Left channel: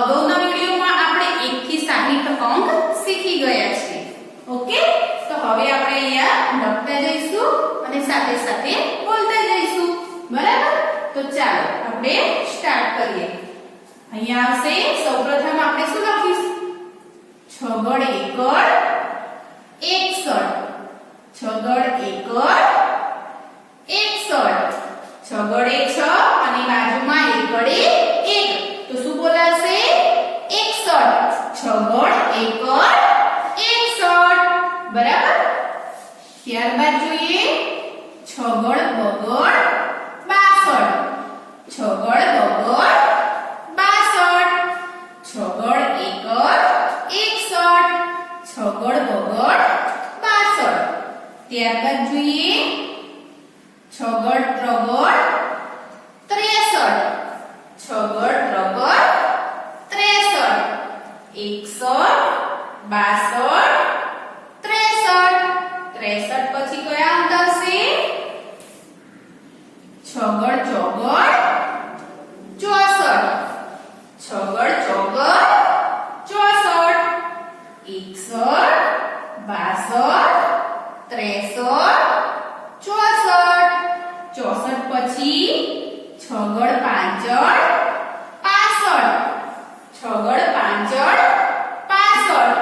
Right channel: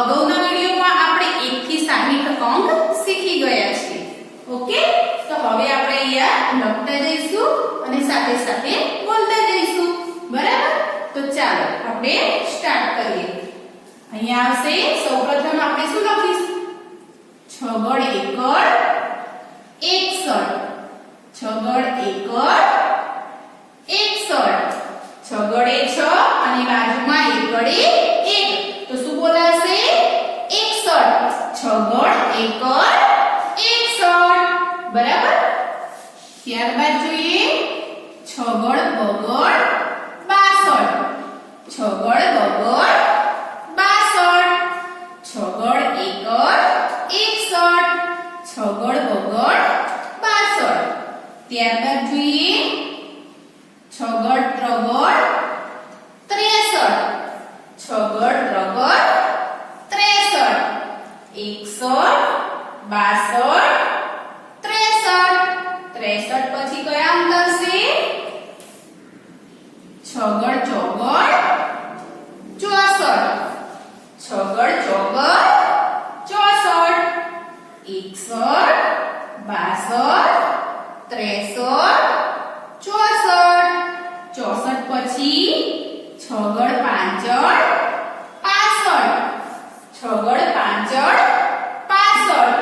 અગાઉના વિડિયોમાં આપણે 1 થી 60 અંક શીખી ગયા છીએ. ઓકે, તો હવે આપણે અહીંયા લખતા જઈશું અને સાથે સાથે બોલતા જઈશું. બરાબર? તો ચાલો આપણે સ્ટાર્ટ કરીએ. અહીંયા આવશે સૌપ્રથમ આપણે શું લખીશું? છગડ એકડ 61. છગડ એકડ 61. છગડ એ 6 અને બાજુમાં એકડ એ 1. તો શું બોલાશે? 61. છગડ એકડ 61. બરાબર? ત્યારબાદ જોઈએ છગડ બગડ 62. છગડ બગડ 62. છગડ એકડ 61. છગડ બગડ 62. ત્યારબાદ જોઈએ છગડ ત્રગડ 63. છગડ ત્રગડ 63. 61 62 63. 63 પછી કયા અંક આવશે? છગડ ચોગડ 64. છગડ ચોગડ 64. 61 62 63 64. 64 પછી છગડ પાંચડ 65. છગડ પાંચડ 65.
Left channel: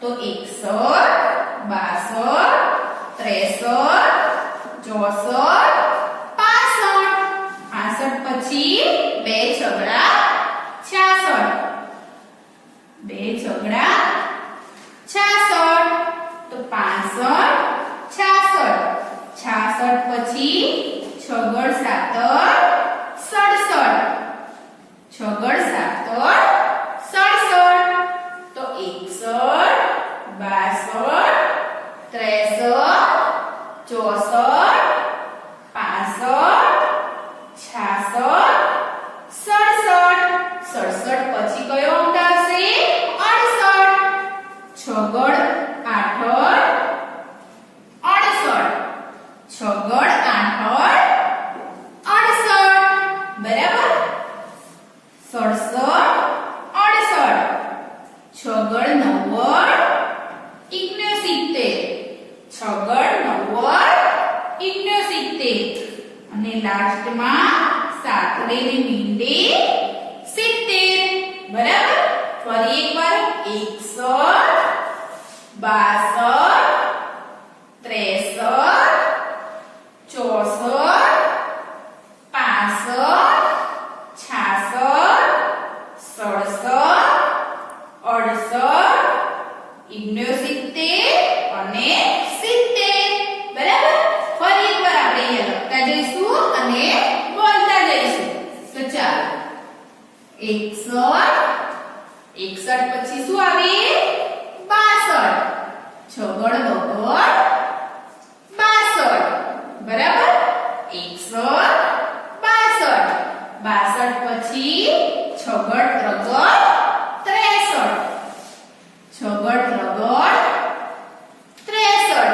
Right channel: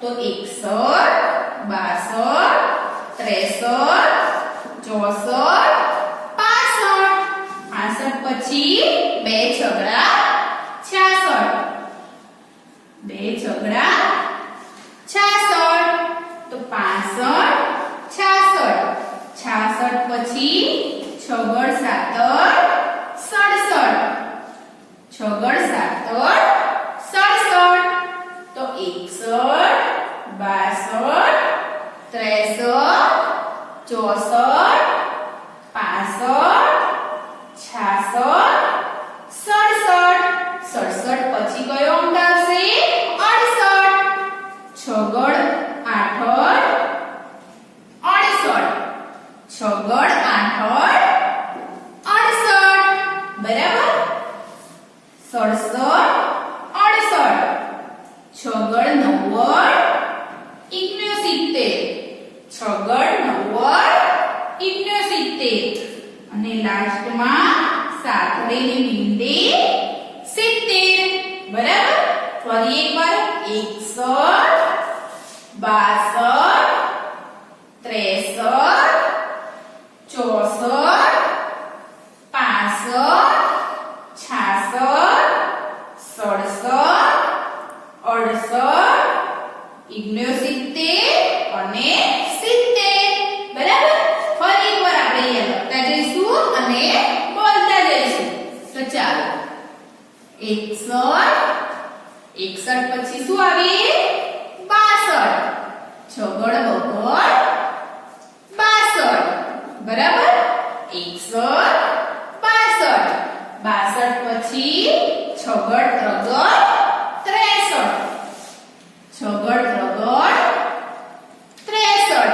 તો 61 62 63 64 65. 65 પછી બે છગડા 66. બે છગડા 66. તો 65 66. 66 પછી છગડ સાતડ 67. છગડ સાતડ 67. તો 61 62 63 64 65 66 67. 67 પછી કયો અંક આવશે? 68. છગડ આઠડ 68. છગડ આઠડ 68. બરાબર? 67 68. છગડ નવ્વદ 69. છગડ નવ્વદ 69. અને લાસ્ટમાં સાતડેની મીંડે 70. બરાબર? ફરી એકવાર 61 62 63 64 65 66 67 68 69 અને 70. બરાબર? ફરી એકવાર આપણે અહીંયા લખતા જઈશું અને બોલતા જઈશું. તો ચાલો 61 પછી શું આવે? 62. છગડ બગડ 62. બરાબર? 61 62 પછી છગડ ત્રગડ 63. છગડ ત્રગડ 63.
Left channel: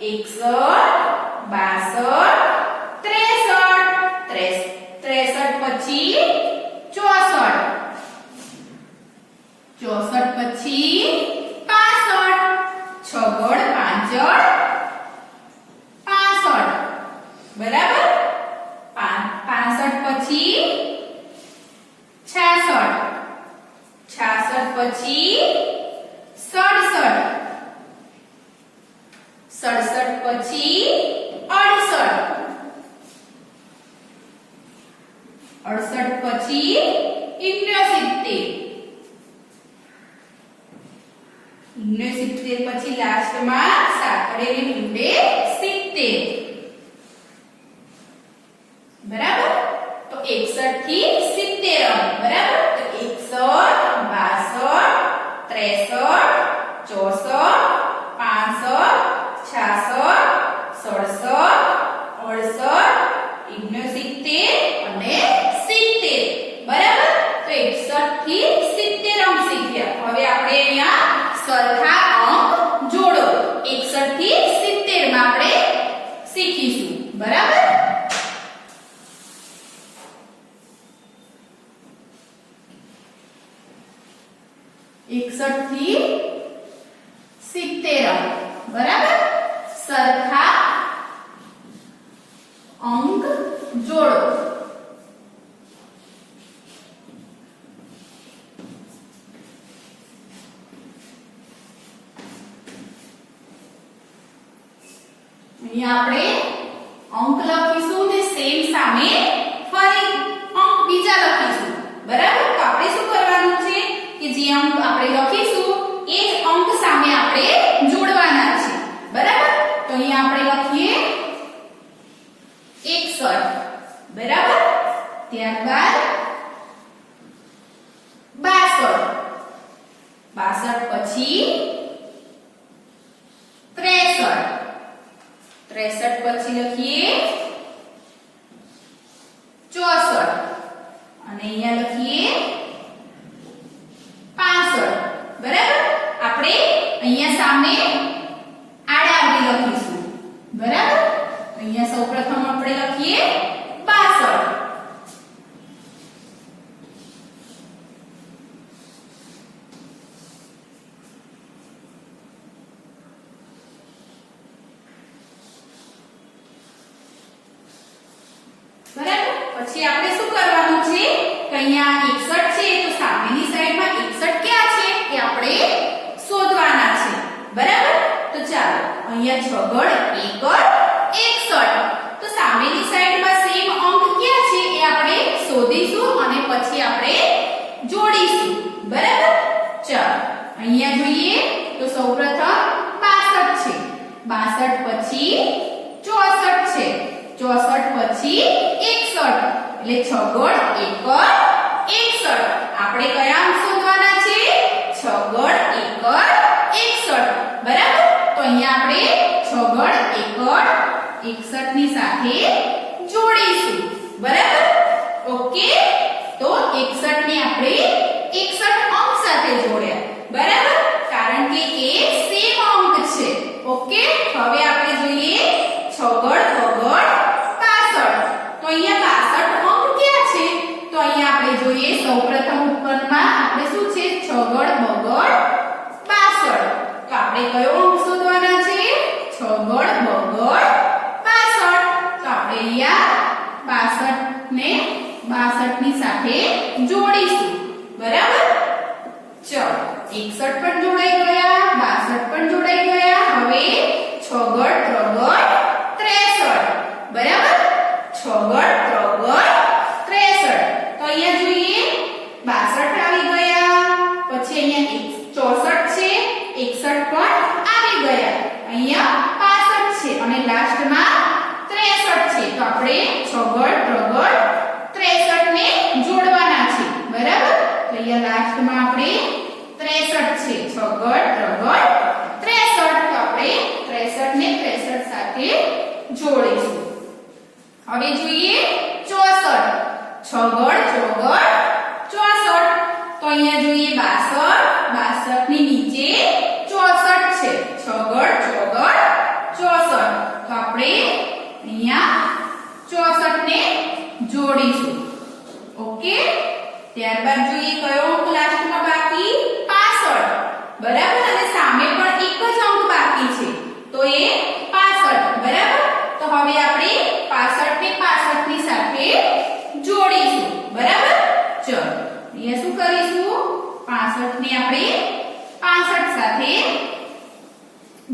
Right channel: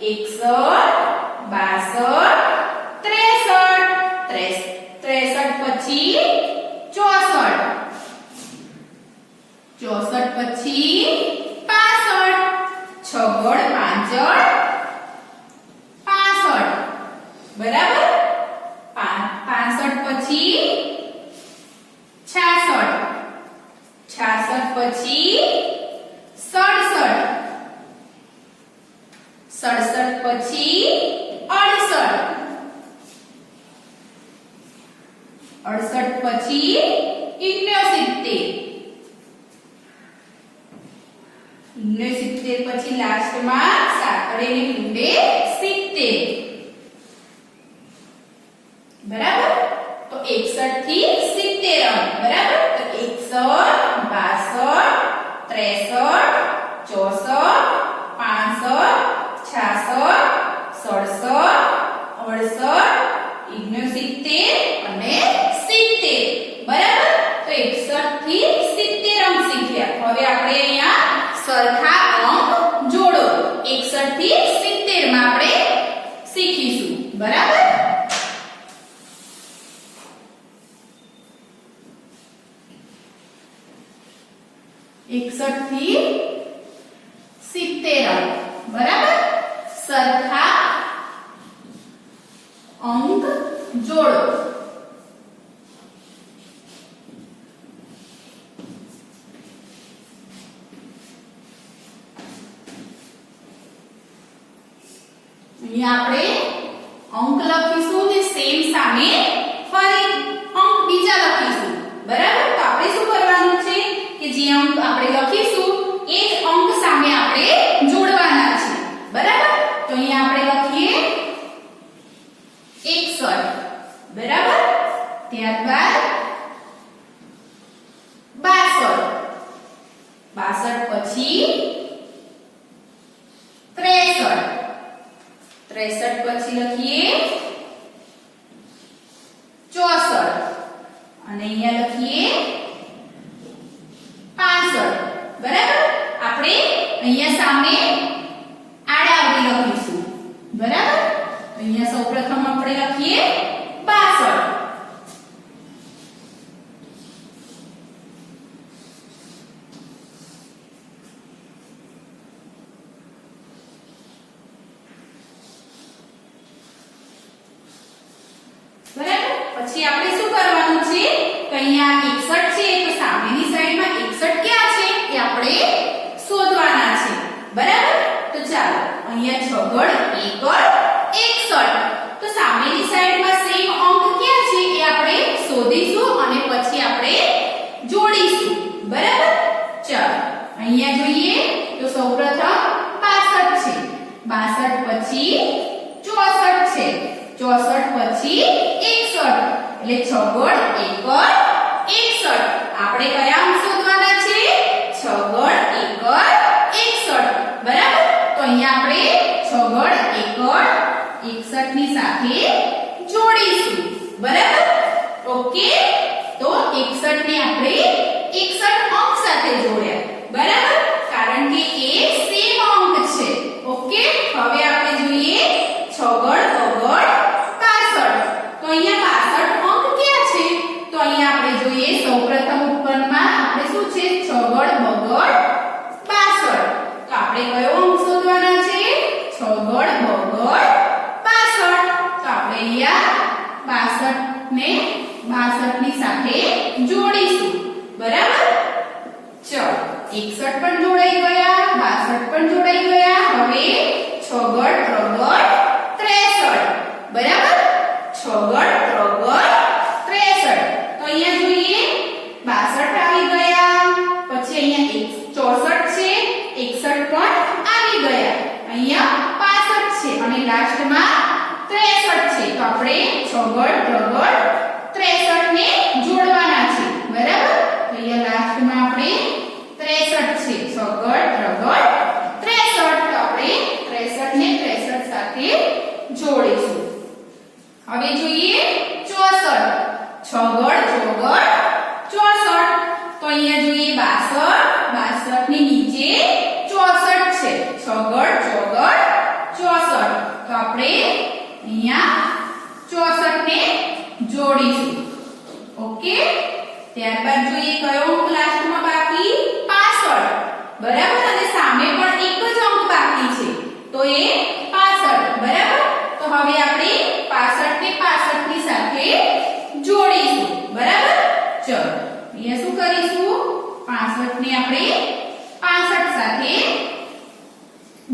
61 62 63. 63 પછી 64. 64 પછી 65. છગડ પાંચડ 65. બરાબર? 65 પછી 66. 66 પછી 67. 67 પછી 68. 68 પછી 69. 69 પછી લાસ્ટમાં સાંકળેલી મીંડે 70. બરાબર? તો 61 થી 70 અંક. બરાબર? તો 61 62 63 64 65 66 67 68 69 અને 70. બરાબર? તો 61 થી 70 અંક શીખ્યા. હવે આપણે અહીંયા સરખા અંક જોડો. 61 થી 70 માં આપણે શીખીશું. બરાબર? 61 થી 70 અંક બરાબર સરખા અંક જોડો અહીંયા આપણે અંક લખીશું ને સેમ સામે ફરી અંક બીજા લખીશું બરાબર તો આપણે શું કરવાનું છે કે જે અંક આપણે લખીશું એ જ અંક સામે આપણે જોડવાના છે બરાબર તો અહીંયા આપણે લખીએ 61 બરાબર ત્યારબાદ 62 પછી 63 પછી લખીએ 64 અને અહીંયા લખીએ 65 બરાબર આપણે અહીંયા સામે આડાઆવડી લખીશું બરાબર અહીંયા સૌપ્રથમ આપણે લખીએ 62 બરાબર પછી આપણે શું કરવાનું છે કે અહીંયા 61 છે તો સામેની સાઈડમાં 61 ક્યાં છે એ આપણે શોધવાના છે બરાબર તો ચાલો અહીંયા છગડ એકડ 61 તો સામેની સાઈડમાં સેમ અંક ક્યાં છે એ આપણે શોધીશું અને પછી આપણે જોડીશું બરાબર ચાલો અહીંયા જોઈએ તો સૌપ્રથમ 62 છે 62 પછી 64 છે 64 પછી 61 એટલે છગડ એકડ 61 આપણે કયા અંક શોધવાના છે છગડ એકડ 61 બરાબર તો અહીંયા આપણે છગડ એકડ 61 ની સાથે જોડીશું બરાબર ઓકે તો 61 ને આપણે 61 અંક સાથે જોડ્યા બરાબર કારણ કે એ સેમ અંક છે ઓકે હવે આપણે જોઈએ છગડ બગડ 65 તો અહીંયા 65 અંક ક્યાં છે તો અહીંયા આપણે જોઈએ સૌપ્રથમ ઉપરમાં આપણે શું છે છગડ બગડ 65 તો આપણે કયો અંક શોધવાના છે છગડ બગડ 65 તો આપણે અહીંયા 62 ને 62 ની સાથે જોડીશું બરાબર ચલો 61 પણ જોડાઈ ગયા 62 પણ જોડાઈ ગયા હવે છગડ ત્રગડ 63 બરાબર છગડ ત્રગડ 63 તો અહીંયા જોઈએ 62 આવી ગયા પછી અહીંયા 64 છે 61 પણ આવી ગયા અહીંયા 65 છે અને લાસ્ટમાં 63 છે તો આપણે છગડ ત્રગડ 63 ને જોડવાના છે બરાબર અહીંયા લાસ્ટમાં આપણે 63 છે છગડ ત્રગડ 63 તો આપણે 63 ને 63 સાથે જોડીશું હવે જોઈએ 64 છગડ ચોગડ 64 તો અહીંયા જોઈએ 62 ની નીચે 64 છે છગડ ચોગડ 64 તો આપણે અહીંયા 64 ને જોડીશું ઓકે ત્યારબાદ જોઈએ કયો અંક લાસ્ટમાં બાકી 65 બરાબર અને સામે પણ એક જ અંક બાકી છે તો એ 65 બરાબર તો હવે આપણે 65 ને 65 ની સાથે જોડીશું બરાબર ચલો અહીંયા શું કરીશું 65 ને આપણે 65 સાથે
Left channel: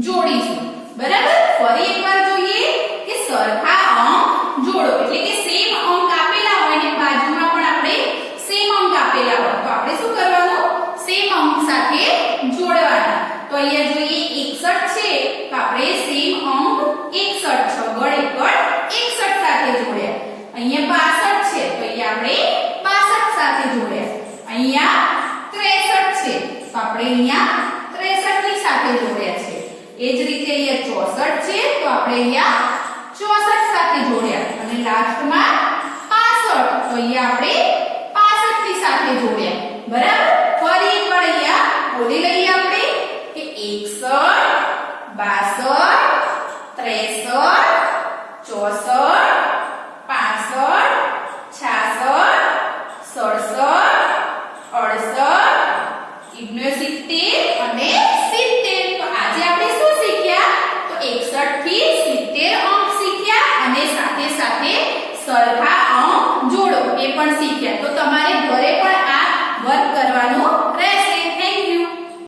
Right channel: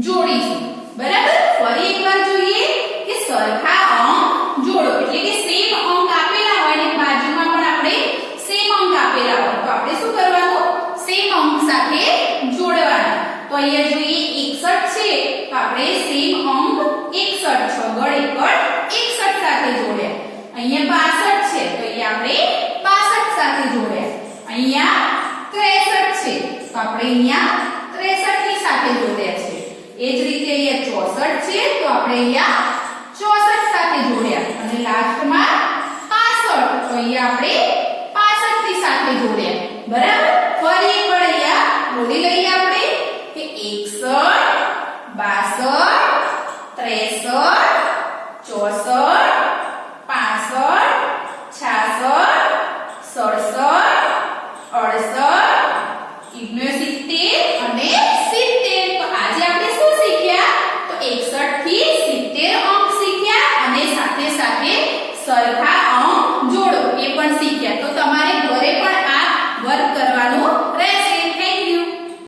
જોડીશું બરાબર ફરી એકવાર જોઈએ કે સરખા અંક જોડો એટલે કે સેમ અંક આપેલા હોય ને બાજુમાં પણ આપણે સેમ અંક આપેલા હોય તો આપણે શું કરવાનું સેમ અંક સાથે જોડવાના તો અહીંયા જોઈએ 61 છે તો આપણે સેમ અંક 61 છગડ એકડ 61 સાથે જોડ્યા અહીંયા 62 છે તો અહીંયા આપણે 62 સાથે જોડ્યા અહીંયા 63 છે તો આપણે અહીંયા 63 ની સાથે જોડ્યા છે એ જ રીતે અહીંયા 64 છે તો આપણે અહીંયા 64 સાથે જોડ્યા અને લાસ્ટમાં 65 તો અહીંયા આપણે 65 ની સાથે જોડ્યા બરાબર ફરી એકવાર અહીંયા બોલી લઈએ આપણે કે 61 62 63 64 65 66 67 68 69 સરખા અંક જોડો એ પણ શીખ્યા. તો તમારે ઘરે પણ આ વર્ક કરવાનું